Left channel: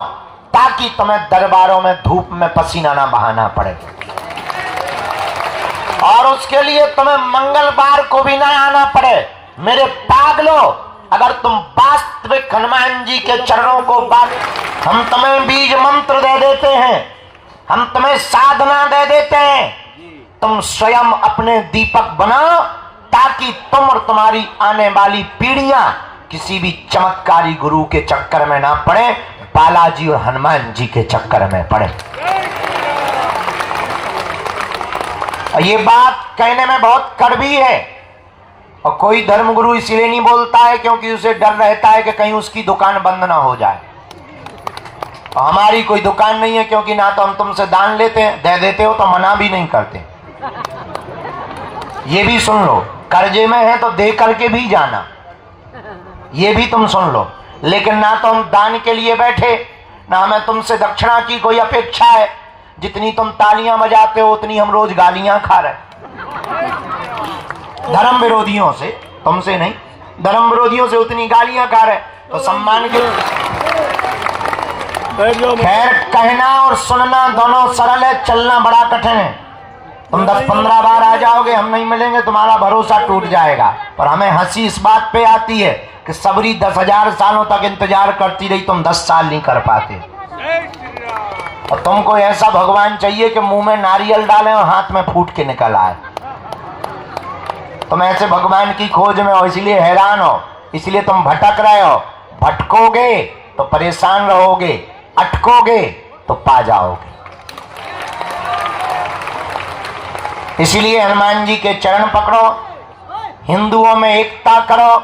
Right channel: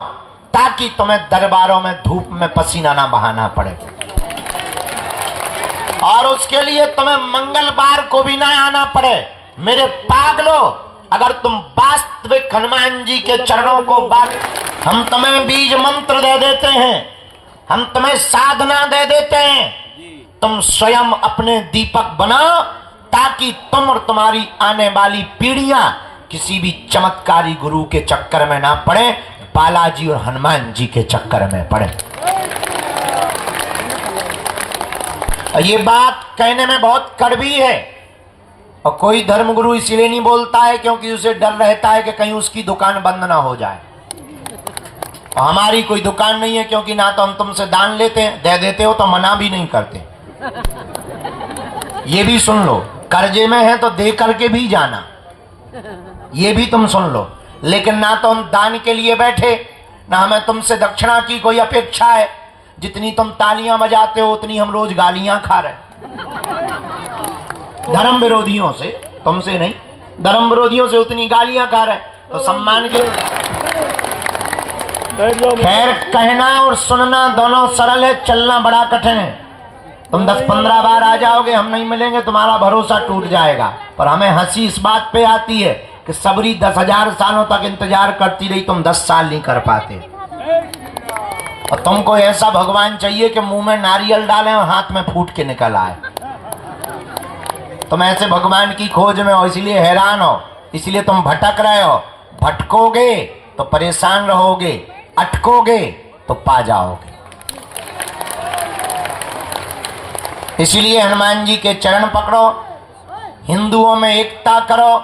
ताकि तुम्हें दरबारों में धूप में पसीना ना बहाना पड़े, और उसके लिए तुम्हें मंगलवार को भी ना आना पड़े। मेरे पागलों, अगर तुम वास्तविक हनुमान जी के चरणों को बात, हम तुम्हें बीज मंत्र दे देते हैं, हम तुम्हें साधना दे देते हैं, तुम स्वयं अपने दीपक बनाओ ताकि तुम और तुम्हारी आने वाली पीढ़ियां किसी भी चमत्कारी गुरु के चक्कर में ना पड़े, बालाजी और हनुमान जी के चक्कर में पड़े। ये बात कहने में बहुत कड़वी है, और कोई धर्मगुरु इसलिए नहीं बोलता है क्योंकि उसे डर रहता है कि कहीं उसकी दुकान बंद ना हो जाए। और हमारी कोई दुकान नहीं है, क्योंकि ना तो हम तुमसे दान लेते हैं, दे देते हो तो मना भी नहीं करते। ये भी सुन लो, कर्जे में है तो दे करके भी जाना, ये भी तुम सुन लो। लेकिन ना तो हम दान के लिए बैठे, ना हमें तुमसे दक्षिणा की कोई अपेक्षा है। जितनी तुम तालियां बजाते हो उतनी हम रोज गालियां खा रहे, धर्म विरोधियों से, तुमसे नहीं, धर्म विरोधियों से उतनी गालियां खा रहे, तो सम्मान के। खैर, कहना और सुनना दोनों सरल है, चलना बड़ा कठिन है। तुम 10-15 बार आ जाओगे, हम नहीं मिलेंगे, तुम्हारा भरोसा टूट जाएगा। पर हमें हंसी इस बात पे आती है कि सबरी 10,000 सालों तक इंतजार करती रही, तुम 10 साल नहीं कर पाते। और तुमको ऐसा भगवान चाहिए कि मुंह में नारियल डालें और हाथ में फूट के निकल आए। तुम ऐसे भगवान की खोज में हो, इसलिए हैरान हो, इसलिए तुम भटक रहे हो। भटकोगे तो परेशान रहोगे, अटकोगे तो पा जाओगे। इसलिए हनुमान जी के चरण पकड़ो, हिंदुओं में एकता करो।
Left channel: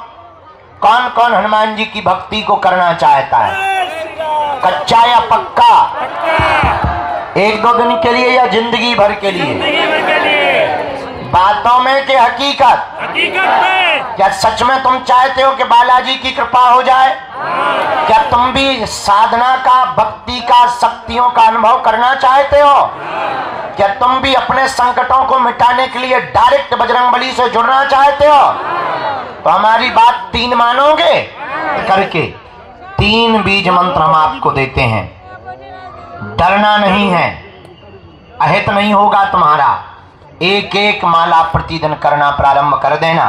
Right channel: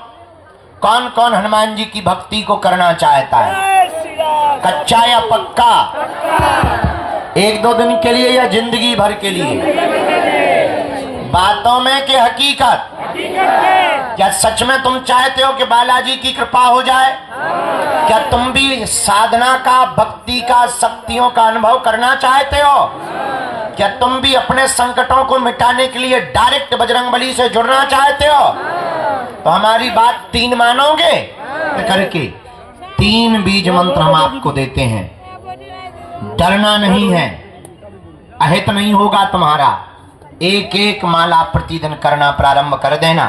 कौन कौन हनुमान जी की भक्ति को करना चाहता है, कच्चा या पक्का? 1-2 दिन के लिए या जिंदगी भर के लिए? बातों में कि हकीकत? क्या सच में तुम चाहते हो कि बालाजी की कृपा हो जाए? क्या तुम भी साधना का, भक्ति का, शक्तियों का अनुभव करना चाहते हो? क्या तुम भी अपने संकटों को मिटाने के लिए डायरेक्ट बजरंगबली से जुड़ना चाहते हो? तो हमारी बात 3 मानोगे करके 3 बीज मंत्र हम आपको देते हैं। डरना नहीं है, अहित नहीं होगा तुम्हारा। 1-1 माला प्रतिदिन करना प्रारंभ कर देना।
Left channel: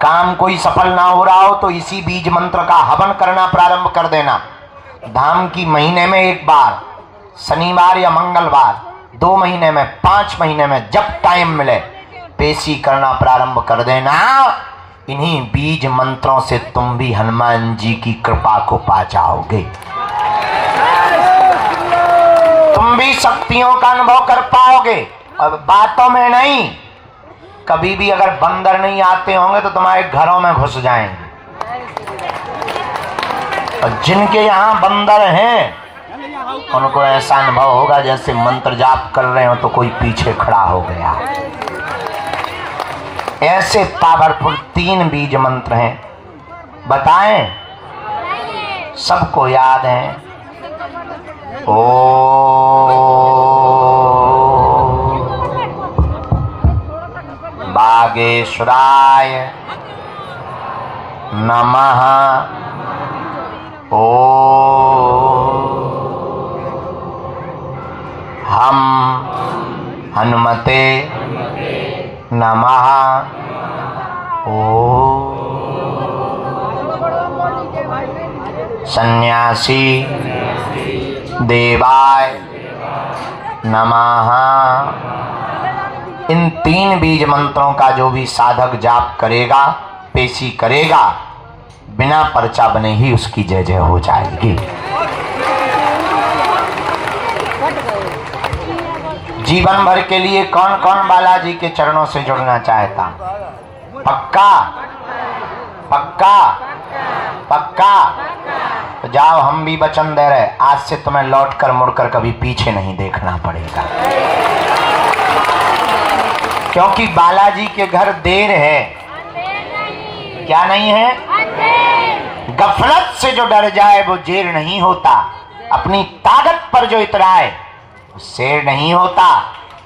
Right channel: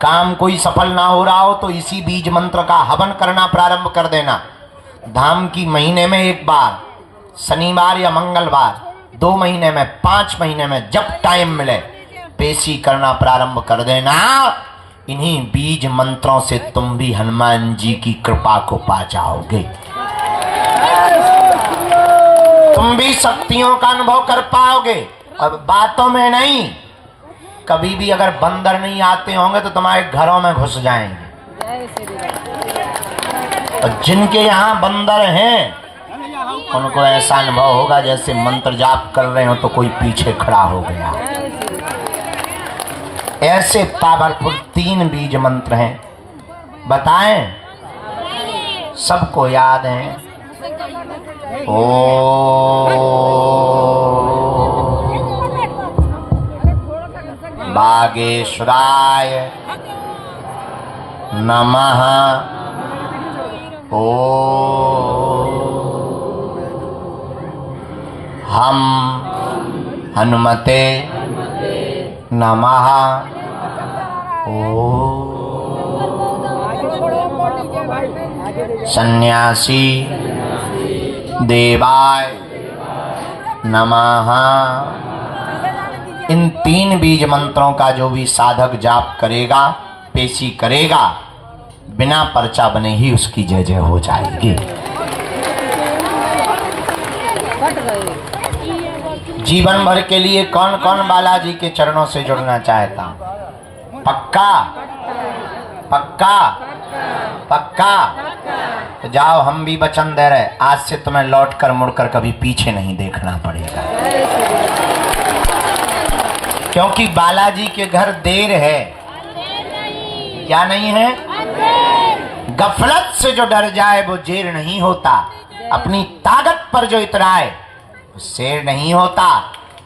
काम कोई सफल ना हो रहा हो तो इसी बीज मंत्र का हवन करना प्रारंभ कर देना। धाम की महीने में 1 बार, शनिवार या मंगलवार, 2 महीने में, 5 महीने में, जब टाइम मिले पेशी करना प्रारंभ कर देना। इन्हीं बीज मंत्रों से तुम भी हनुमान जी की कृपा को पा जाओगे, तुम भी शक्तियों का अनुभव कर पाओगे। और बातों में नहीं, कभी भी अगर बंदर नहीं आते होंगे तो तुम्हारे घरों में घुस जाएंगे। और जिनके यहाँ बंदर हैं उनको ऐसा अनुभव होगा जैसे मंत्र जाप कर रहे हो तो कोई पीछे खड़ा हो गया। ऐसे पावरफुल 3 बीज मंत्र हैं, बताएं? सबको याद है? ओ बागेश्वराय नमः। ओ हम हनुमते नमः। ओ सन्यासी देवाय नमः। इन 3 बीज मंत्रों का जो भी साधक जाप करेगा, पेशी करेगा, बिना पर्चा बने ही उसकी जय जय हो जाएगी। जीवन भर के लिए कौन कौन बालाजी के चरणों से जुड़ना चाहता? पक्का? पक्का? पक्का? तो जाओ, हम भी वचन दे रहे, आज से तुम्हें लौटकर मुड़कर कभी पीछे नहीं देखना पड़ेगा। क्योंकि बालाजी के घर देर है। क्या नहीं है? गफलत से जो डर जाए वो जेर नहीं होता। अपनी ताकत पर जो इतराए शेर नहीं होता।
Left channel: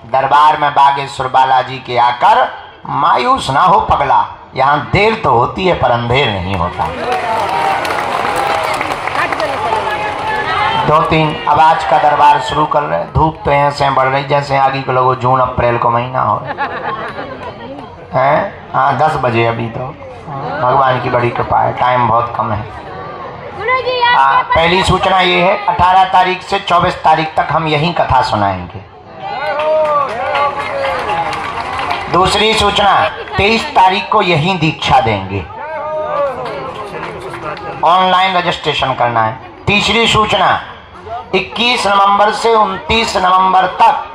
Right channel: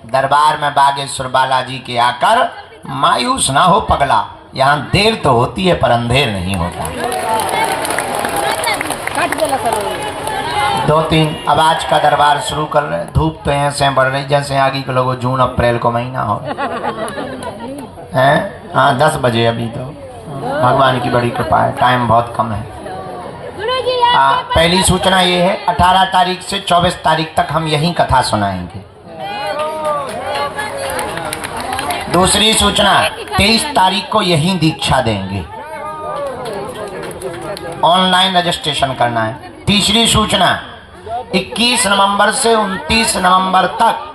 दरबार में बागेश्वर बालाजी के आकर मायूस ना हो पगला, यहाँ देर तो होती है पर अंधेर नहीं होता। 2-3 अब आज का दरबार शुरू कर रहे हैं। धूप तो ऐसे बढ़ रही जैसे आगे के लोगों जून अप्रैल को महीना हो हैं। हाँ 10 बजे अभी तो भगवान की बड़ी कृपा है, टाइम बहुत कम है। पहली सूचना ये है 18 तारीख से 24 तारीख तक हम यही कथा सुनाएंगे। दूसरी सूचना 23 तारीख को यही दीक्षा देंगे, ऑनलाइन रजिस्ट्रेशन करना है। तीसरी सूचना 21 नवंबर से 29 नवंबर तक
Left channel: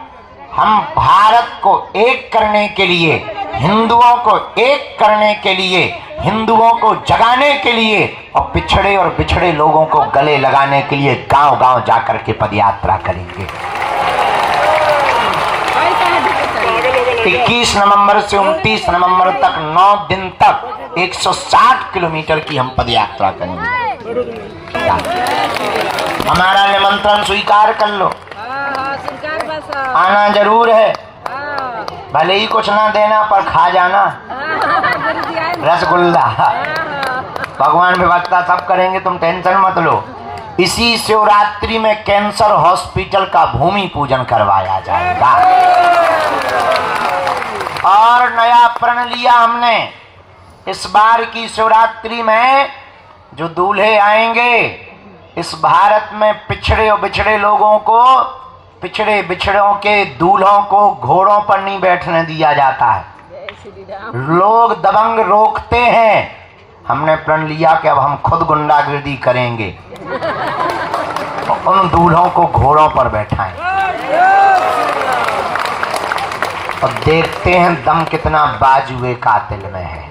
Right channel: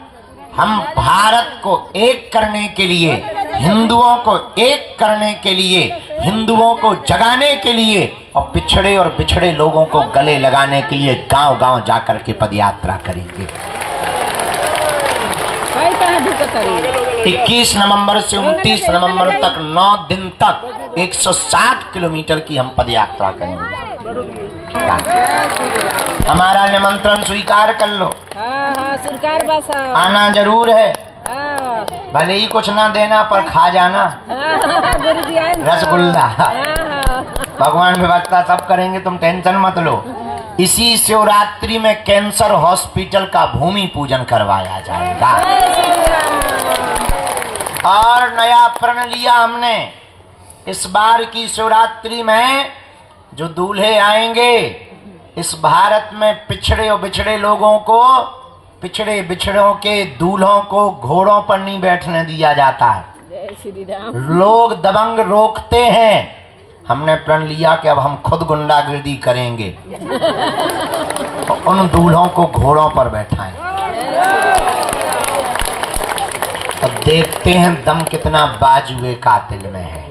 हम भारत को एक करने के लिए, हिंदुओं को एक करने के लिए, हिंदुओं को जगाने के लिए और पिछड़े और बिछड़े लोगों को गले लगाने के लिए गांव-गांव जाकर के पदयात्रा करेंगे। 21 नवंबर से 29 नवंबर तक 9 दिन तक 160 किलोमीटर की हम पदयात्रा करेंगे। हमारा निमंत्रण स्वीकार कर लो, आना जरूर है, भले ही कुछ ना देना पर खा जाना रसगुल्ला। भगवान व्यवस्था सब करेंगे, तुम टेंशन मत लो। इसी शिवरात्रि में कैंसर हॉस्पिटल का भूमि पूजन करवाया जाएगा। और नया प्रण लिया हमने, इस बार की शिवरात्रि में जो दूल्हे आएंगे, इस भारत में पिछड़े और बिछड़े लोगों को, पिछड़े बिछड़ों के दूल्हों को घोड़ों पर नहीं बैठने दिया जाता है। लोग दबंग रोकते हैं, हमने प्रण लिया कि अब हम खुद गुंडागिर्दी करेंगे और उन दूल्हों को घोड़ों पर बैठाएं और देखते हैं दम कितना बाजुए कातिल में है।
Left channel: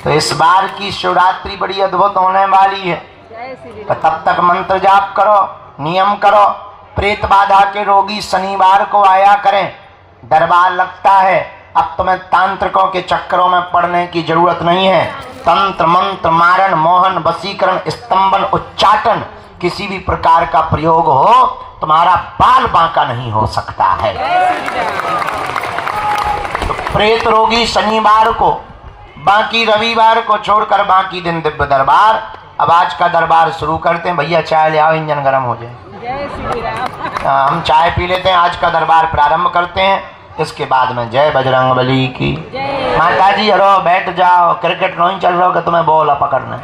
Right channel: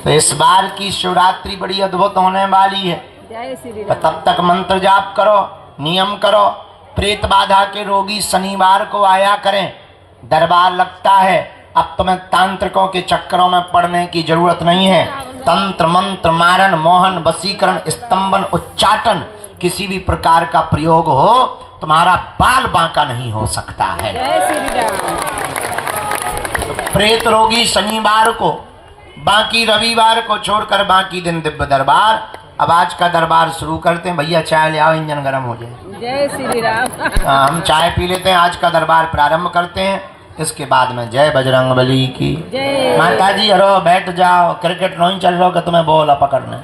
तो इस बार की शिवरात्रि बड़ी अद्भुत होने वाली है। तो तब तक मंत्र जाप करो, नियम करो। प्रेत बाधा के रोगी शनिवार को आया करें, दरबार लगता है। अब तुम्हें तांत्रिकों के चक्करों में पड़ने की जरूरत नहीं है। तंत्र मंत्र मारण मोहन वशीकरण स्तंभन उच्चाटन किसी भी प्रकार का प्रयोग हो, तुम्हारा बाल बांका नहीं हो सकता है। तो प्रेत रोगी शनिवार को, बाकी रविवार को छोड़कर बाकी दिन दिव्य दरबार। अब आज का दरबार शुरू करते हैं। भैया चाय ले आओ, इंजन गर्म हो जाए। जय श्री राम। हम चाय पी लेते हैं, आज का दरबार प्रारंभ करते हैं। इसके बाद में जय बजरंग बली की। माता जी हरो, बैठ जाओ, क्रिकेट नहीं चल रहा कि तुम्हें बॉल पकड़ना।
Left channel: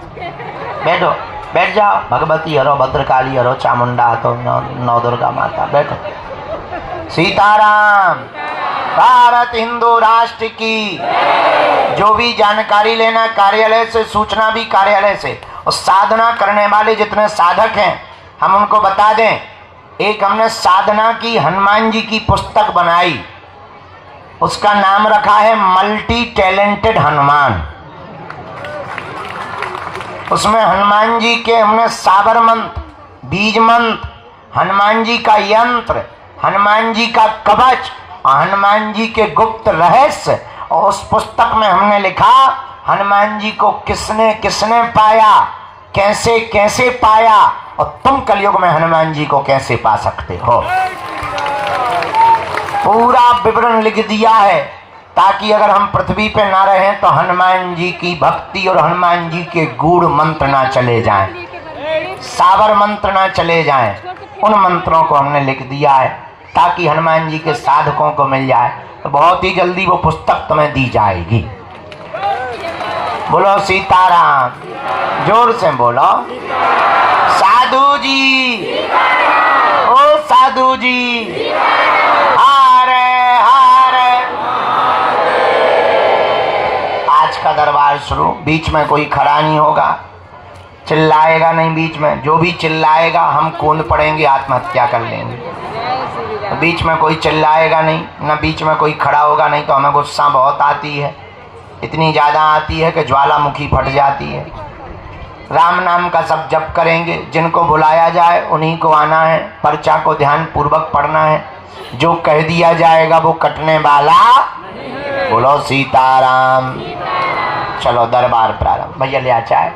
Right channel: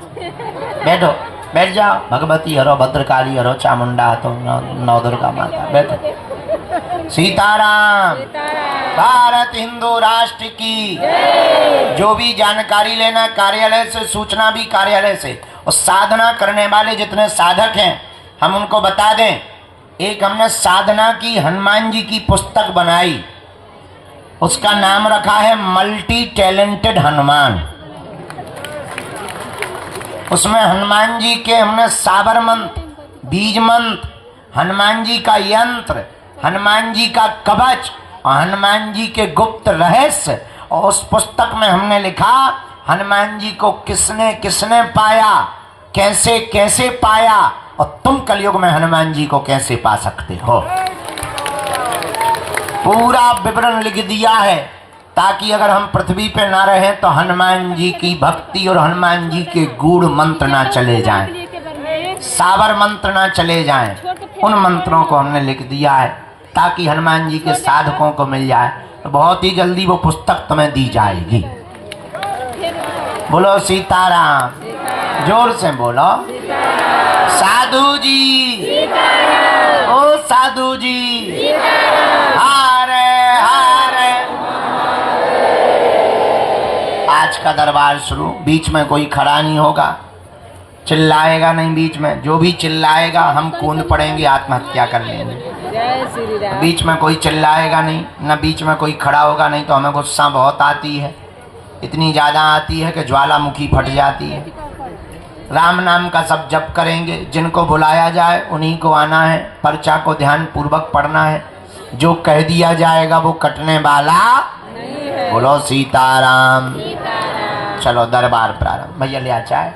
बैठो, बैठ जाओ। भगवती हरो, भद्रकाली हरो, चामुंडा तो नौ दुर्गा माता, बैठो। सीताराम। भारत हिंदू राष्ट्र की। जो भी जानकारी लेना कार्यालय से, सूचना भी कार्यालय से, और साधना करने वाले जितने साधक हैं हम उनको बता दें। एक हमने साधना की हनुमान जी की पुस्तक बनाई, उसका नाम रखा है मल्टी टैलेंटेड हनुमान। उसमें हनुमान जी के हमने साबर मंत्र, बीज मंत्र, हनुमान जी का यंत्र, हनुमान जी का कवच और हनुमान जी के गुप्त रहस्य, और उस पुस्तक में हमने लिखा हनुमान जी को किसने किसने पाया, कैसे कैसे पाया, और तुम कलयुग में हनुमान जी को कैसे पा सकते हो। पूरा विवरण लिख दिया है, ताकि अगर हम पृथ्वी पर ना रहें तो हनुमान जी की भक्ति और हनुमान जी के गूढ़ मंत्र ना चले जाएं, साबर मंत्र ना चले जाएं। उन मंत्रों को हमने लिख दिया है ताकि हनुमान जी के साधकों को मिल जाए। तो बहुत ही जल्दी वो पुस्तक तुम्हें दी जाएगी। बोलो सीताराम, जोर से बोलो। साधु जी, ओ साधु जी, हारे हारे। आज का दरबार शुरू। बीच में कोई खड़ा नहीं होगा, चिल्लाएगा नहीं बीच में। जो भी चिल्लाएगा हम कूद पड़ेंगे, आत्महत्या कर लेंगे। बीच में कोई चिल्लाएगा नहीं, न बीच में कोई खड़ा होगा, नहीं तो हमें गुस्सा बहुत आती है, इतनी ज़्यादा आती है कि ज्वालामुखी फट जाती है। राम नाम का सब जप करेंगे, जिनको बुलाया जाए उन्हीं को आना है, पर्चा को ध्यान पूर्वक पढ़ना है। जो कह दिया जाएगा वो कटने वाला। बोलो सीताराम। चलो दरबार प्रारंभ। भैया ले आ चाय।